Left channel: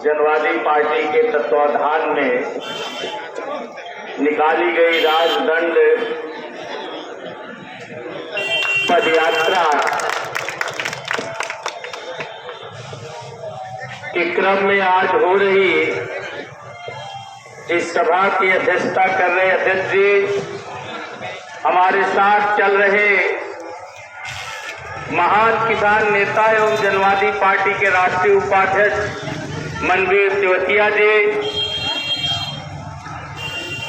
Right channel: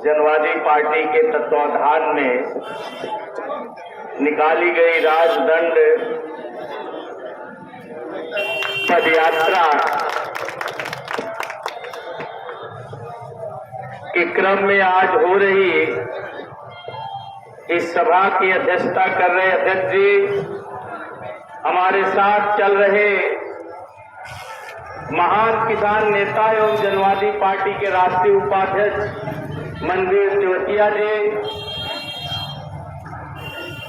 जनवादी पार्टी के तत्वाधान में निकाली गई राजदंड पदयात्रा के क्रम में आज हो रही इस सभा की अध्यक्षता कर रहे अध्यक्ष जी, हमारे साथ चल रहे महान किसान नेता एवं जनवादी पार्टी के राष्ट्रीय उपाध्यक्ष मनवीर तिवतिया जी,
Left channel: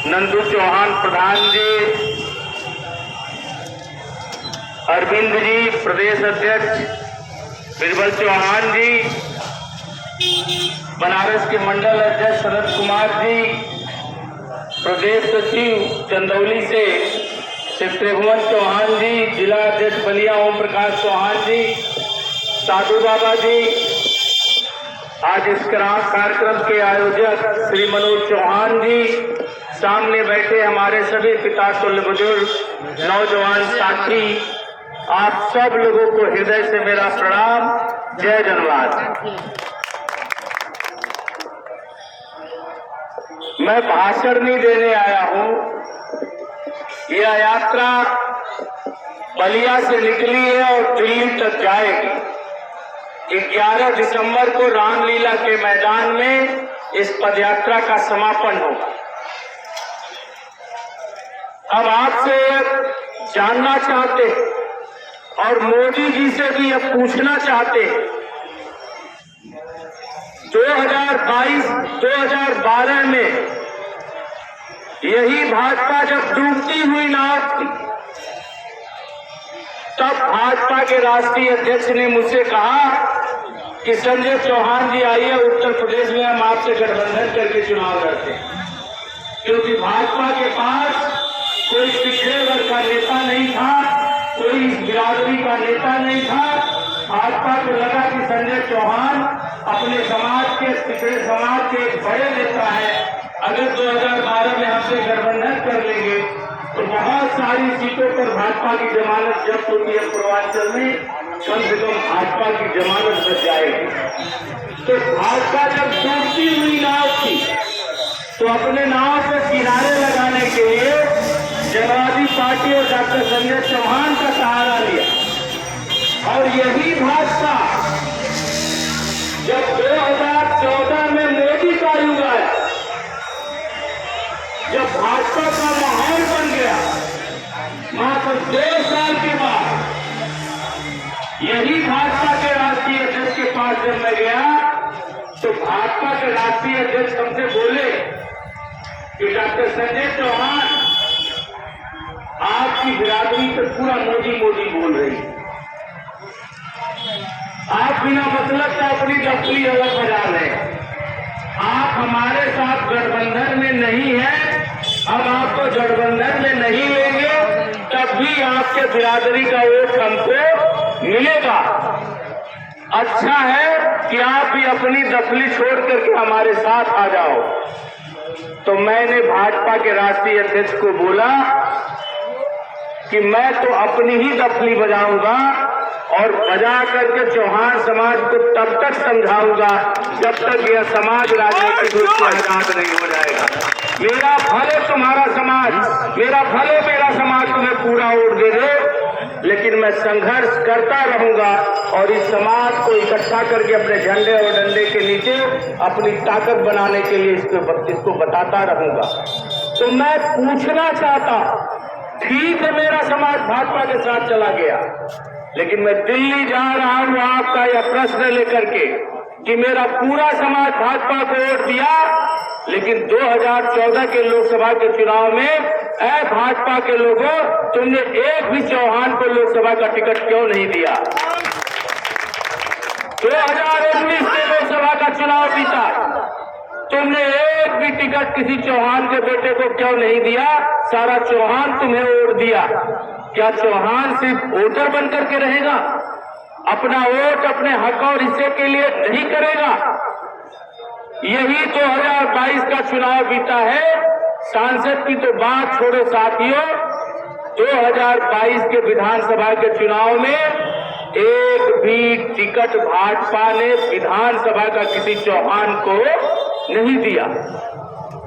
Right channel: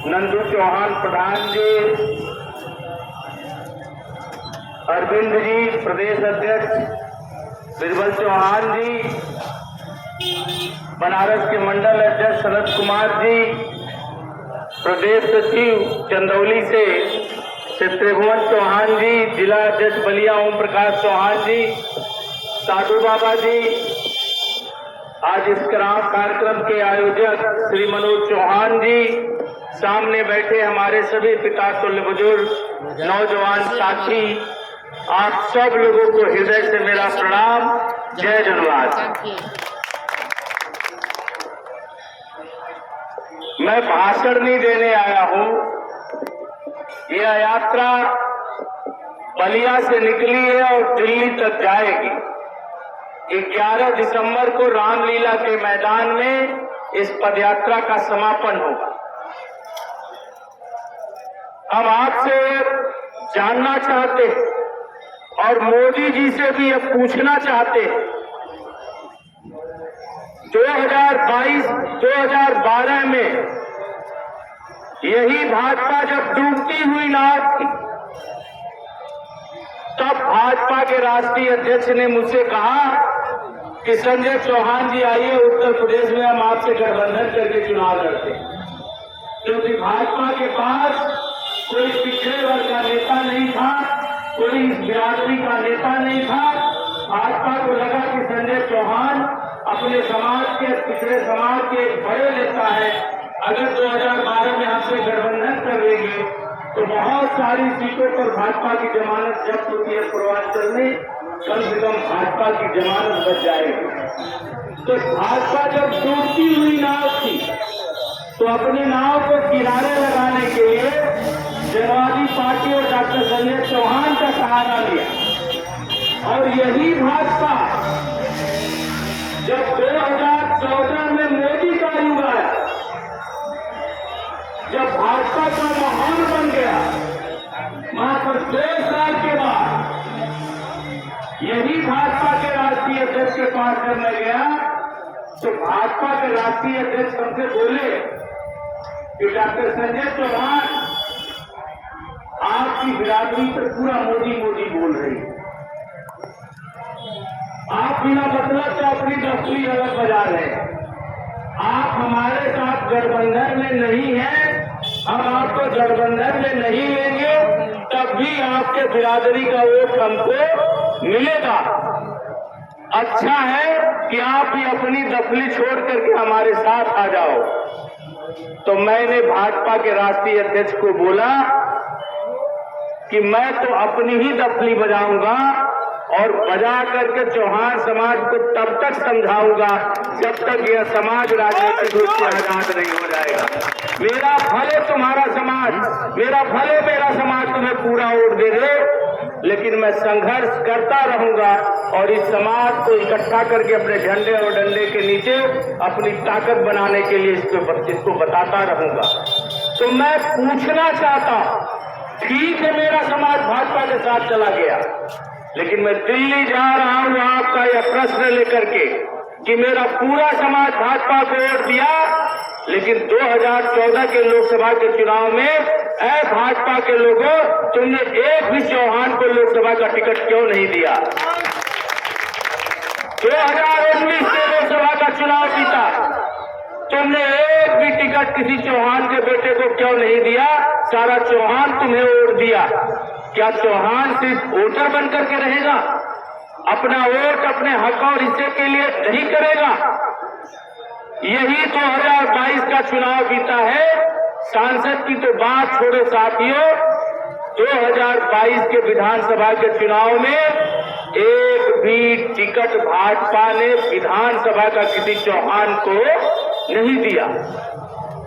नंदू चौहान प्रधान जी, अरविंद जी प्रदेश अध्यक्ष बिरबल चौहान जी, बनारस के मंडल अध्यक्ष शरद कुमार जी, प्रदेश सचिव चंदौली से त्रिभुवन चौहान जी, जिला अध्यक्ष बलिया ओम प्रकाश चौहान जी, साधु बाबा जी, आज इस कार्यक्रम के आयोजक श्री मनोज चौहान जी, सामने बैठे हमारे सभी पिता तुल्य बुजुर्ग नौजवान साथी, आप सब लोगों को हृदय से मेरा प्रणाम। जय जनवाद। मैं भाषण नहीं देने आया हूं। यह यात्रा बलिया से निकली है और दिल्ली तक जाएगी। 11 दिसंबर को रामलीला के मैदान में इस पदयात्रा का समापन होगा। हम आपसे जानना चाहते हैं और मोदी जी से भी अब पूछना चाहते हैं, 2022-2012 में यही भाजपा जब डूबती हुई नाव थी, तब भाजपा के राष्ट्रीय अध्यक्ष ने मुझसे कहा कि संजय चौहान जी आइए, उत्तर प्रदेश में हम आपसे गठबंधन करके चुनाव लड़ते हैं, क्योंकि भाजपा के पास कोई पिछड़े वर्ग का नेता नहीं था, कोई बिरादरी का नेता नहीं था। भाजपा को लगा कि संजय चौहान अपने समाज के पिछड़े समाज के बड़े नेता है, अगर 2012 में हमसे गठबंधन कर लेंगे तो बहुत सारी सीटों पर भाजपा की जमानत जब्त होती है, पूर्वांचल में कम से कम भाजपा की जमानत बच जाएगी। तो भाजपा जब डूबती हुई नाव थी तो अपने नाव को किनारे लगाने के लिए जनवादी पार्टी और डॉक्टर संजय चौहान का सहारा लिया। और यही भाजपा जब 2014 में मोदी का युग आया, जब भाजपा का माहौल बन गया, मात्र 2 साल के बाद यही भाजपा के राष्ट्रीय अध्यक्ष के पास जब मैं गया तो भाजपा के राष्ट्रीय अध्यक्ष हमसे बोले कि डॉक्टर संजय चौहान, आपकी बिरादरी पर पूरा मोदी मोदी बोल रही है, आप बिना मतलब का अपनी दफ्तरी अलग बजा रहे हैं, आप हमारे साथ गठबंधन में नहीं है, हम आपको गठबंधन में नहीं लेंगे, तब भी आपके बिरादरी का वोट हमको मिलेगा। अच्छा है कि आप भी अपनी दफली छोड़ करके हमारे साथ आ जाओ। तो मैंने भाजपा के राष्ट्रीय अध्यक्ष को बोला कि मैं तो अपनी ही दफली बजाऊंगा और बजा करके चौहान समाज को तब तक समझाऊंगा जब तक यह समाज राजनीतिक रूप से आजाद नहीं हो जाएगा। मेरा भले तुम्हारा समाज, मेरा भले मेरा समाज तुम्हें पूरा वोट दे दे, लेकिन मैं संघर्ष करता रहूंगा और इस समाज को इकट्ठा करके अपने झंडे और डंडे के नीचे अपनी ताकत बनाने के लिए इसको बताता रहूंगा। तो मैं पूछना चाहता, ठीक है मेरा समाज भाजपा के साथ चला गया, लेकिन मैं दिल्ली जा रहा हूं आपका यह प्रश्न लेकर के कि मेरा पूरा समाज भाजपा को वोट दिया, लेकिन 2014 के लोकसभा के चुनाव में भाजपा के लोगों, तुमने एक भी चौहान को लोकसभा का टिकट क्यों नहीं दिया? 2019 के लोकसभा का चुनाव जीता, तुमने एक भी टिकट किसी चौहान के बेटे को क्यों नहीं दिया? सारा चौहान तुम्हें वोट दिया। क्या चौहान सिर्फ वोटर बनकर के रहेगा? अपना वोट अपने हक और हिस्से के लिए नहीं करेगा? यही 2022 का चुनाव बीता है। सांसद की तो बात छोड़ो साथियों, 2022 के विधानसभा के चुनाव में एक भी टिकट भाजपा ने विधान विधानसभा का किसी चौहान को नहीं दिया।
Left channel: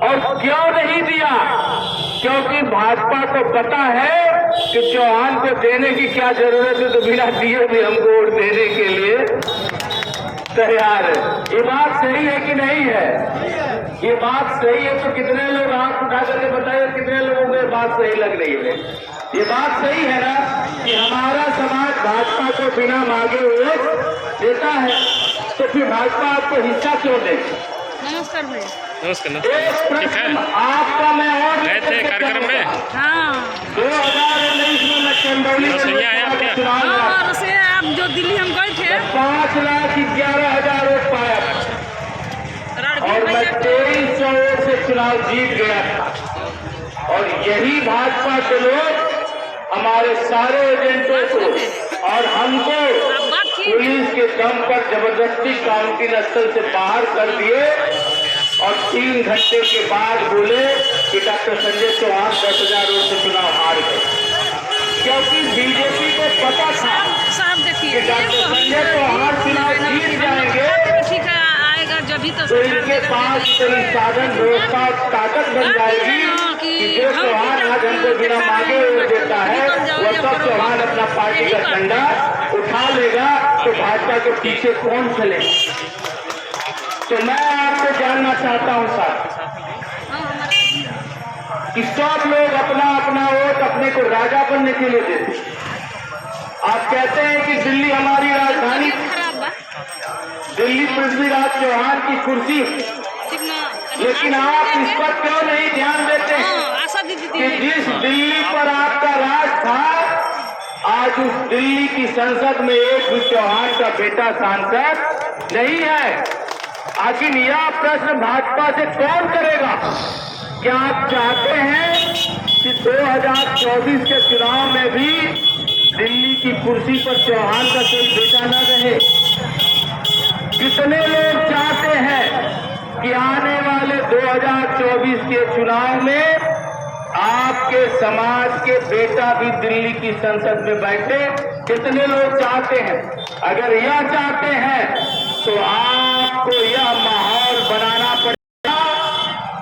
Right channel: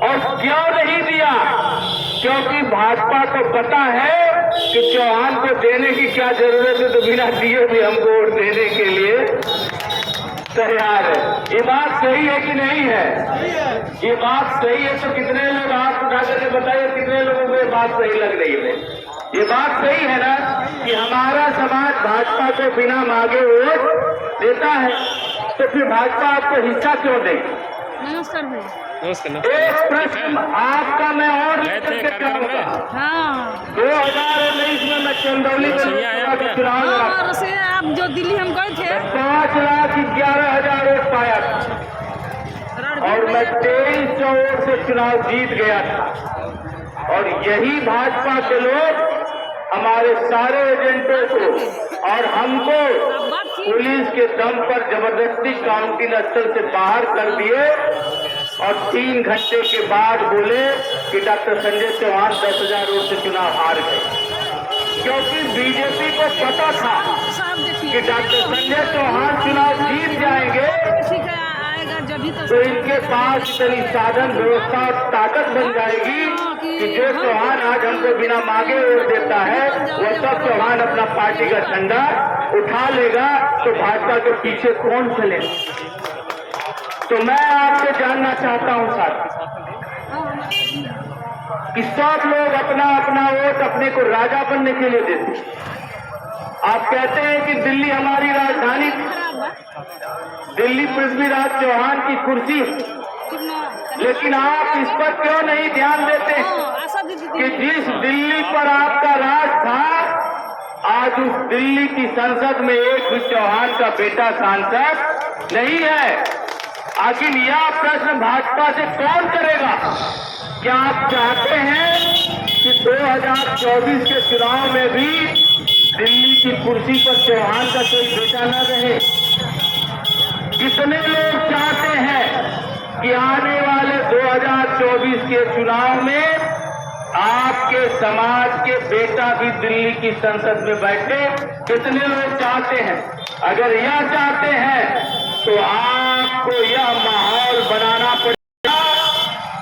और क्यों नहीं दिया? क्योंकि भाजपा को पता है कि चौहान को देने की क्या जरूरत है, तो बिना दिए भी हमको वोट देने के लिए तैयार है। ये बात सही है कि नहीं है? ये बात सही है तो कितने लोग हाथ उठा करके बताइए, कितने लोगों को ये बात सही लग रही है? ये बात सही है ना कि हमारा समाज भाजपा को बिना मांगे वोट देता है, तो फिर भाजपा आपको हिस्सा क्यों दे? नमस्कार। एक प्रश्न आपका मैं और गए थे कार्यक्रम में 2019 में मैं चंदौली में चुनाव लड़ा, जो दिल्ली हम गए थे 5,11,000 वोट पाया था और मैं 2300 वोट से चुनाव जीत गया था। और यही भाजपा के लोग हमारे सारे एजेंटों को और हमको पुलिस के दम पर जबरदस्ती काउंटिंग स्थल से बाहर कर दिए और 3 घंटे के बाद बोले कि डॉक्टर संजय चौहान 10,000 वोट से चुनाव हार गए। क्योंकि बीजेपी को पता था कि डॉक्टर संजय चौहान चुनाव जीत जाएंगे तो इनके पास इतनी साधन व्यवस्था ताकत बन जाएगी कि जो चौहान आज हमको बिना मांगे वोट देता है वो सब चौहान अपना पार्टी का झंडा उठा लेगा, तो भाजपा के पीछे कौन चलेगा? तो मैं आपको जानना चाहता हूं साथ कि सब लोग अपना अपना वोट अपने को राजा बनने के लिए देते। आप कहते हैं कि दिल्ली हमारी राजधानी, दिल्ली पृथ्वीराज चौहान की कुर्सी, लेकिन आप इस पर क्यों नहीं ध्यान देते कि जिस दिल्ली पर आपका राज था, आज उस दिल्ली की संसद में एक भी चौहान का बेटा सांसद नहीं है। आखिर यह प्रश्न भाजपा से कौन करेगा? क्या आप चाहते हैं कि 2024 के चुनाव में भी दिल्ली की कुर्सी पर चौहान का कोई बेटा न रहे? कितने लोग चाहते हैं कि आने वाले 2024 के चुनाव में आपके समाज के बेटा भी दिल्ली की संसद में बैठे? कितने लोग चाहते हैं? अगर यह चाहते हैं तो आपको यह माहौल बनाना पड़ेगा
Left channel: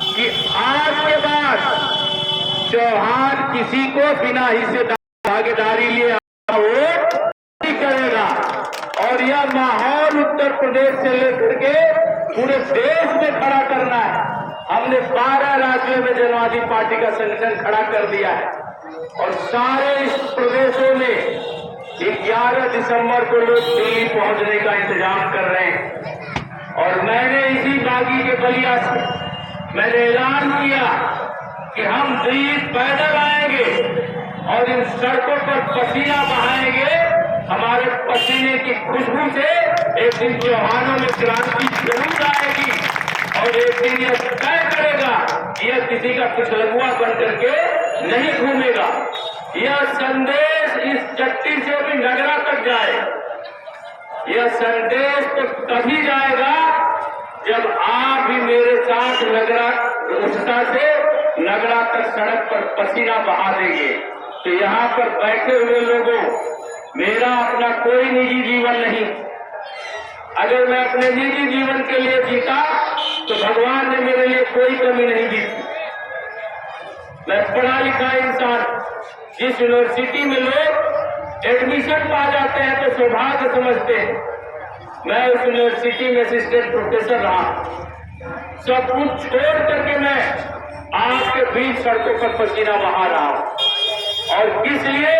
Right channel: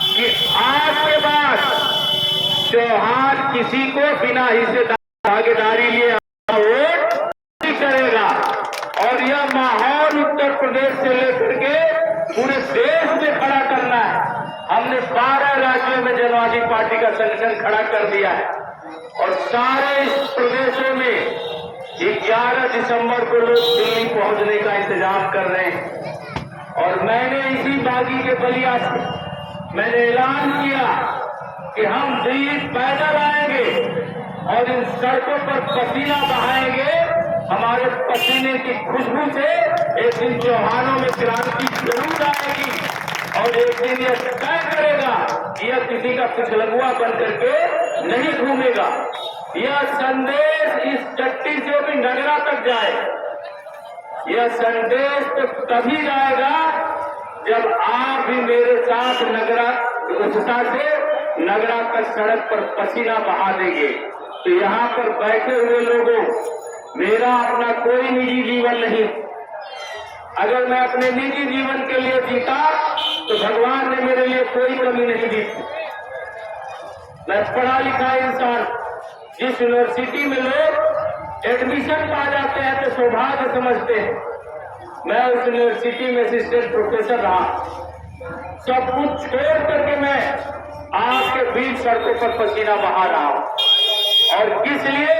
कि आज के बाद चौहान किसी को बिना हिस्सेदारी भागीदारी लिए वोट नहीं करेगा। और यह माहौल उत्तर प्रदेश से लेकर के पूरे देश में खड़ा करना है। हमने 12 राज्यों में जनवादी पार्टी का संगठन खड़ा कर दिया है और सारे इस प्रदेशों में 11 दिसंबर को लोग दिल्ली पहुंचने का इंतजार कर रहे हैं। और मैंने इसी बागी के बलिया से मैंने ऐलान किया कि हम दिल्ली पैदल आएंगे और इन सड़कों पर पसीना बहाएंगे। हमारे पसीने की खुशबू से एक दिन चौहानों में क्रांति जरूर आएगी और एक दिन यह तय करेगा, यह किसी का पिछलगुआ बन करके नहीं घूमेगा। यह संदेश इस चट्टी से भी नगरा तक जाए। यह संदेश तो तभी जाएगा जब आप भी मेरे साथ नगरा उत्साह से नगरा तक सड़क पर पसीना बहा देंगे। तो यहाँ पर बैठे हुए लोगों, मेरा अपना कोई निजी जीवन नहीं। अगर मैं अपने निजी जीवन के लिए जीता तो भगवान ने मेरे लिए कोई कमी नहीं दी। मैं पढ़ा लिखा इंसान, जिस यूनिवर्सिटी में लोग एडमिशन पा जाते हैं तो सौभाग्य समझते हैं, मैं उस यूनिवर्सिटी में असिस्टेंट प्रोफेसर रहा। सब कुछ छोड़ करके मैं आपके बीच सड़कों पर पसीना बहा रहा हूं। और किस लिए?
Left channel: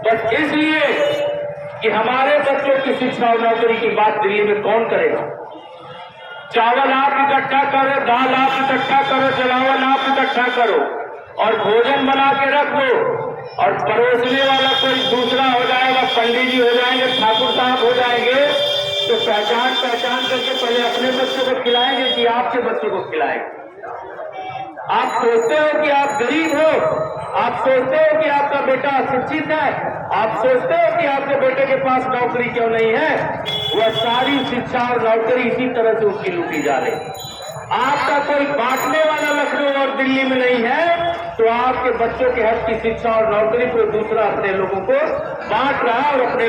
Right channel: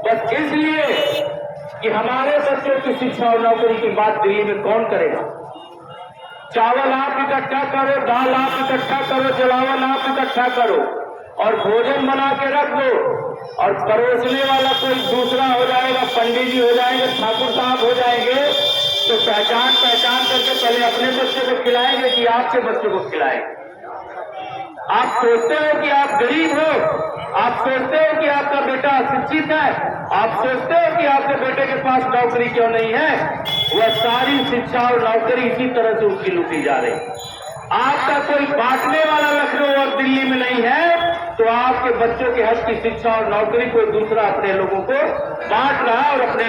बस इसलिए कि हमारे बच्चों की शिक्षा और नौकरी की बात दिल्ली में कौन करेगा? चावल आप इकट्ठा करो, दाल आप इकट्ठा करो, जलावन आप इकट्ठा करो और भोजन बना के रख दो और परोसने वाला कोई दूसरा हो जाएगा, पंडित जी हो जाएंगे, ठाकुर साहब हो जाएंगे, तो पहचान करके पहले अपने बच्चे को खिलाएंगे कि आपके बच्चे को खिलाएंगे? आप सोचते हो कि आप गरीब हो, आप सोचते हो कि आपका बेटा अशिक्षित है, आप सोचते हो कि आपके बेटे के पास नौकरी क्यों नहीं है? वह सारी शिक्षा और नौकरी इसी तरह से उसकी लूटी जा रही है। आपका कोई बांटने वाला लखनऊ और दिल्ली में नहीं है, तो आपके बच्चों के हक की शिक्षा और नौकरी कोई दूसरा अपने लोगों को बांट रहा है और अपने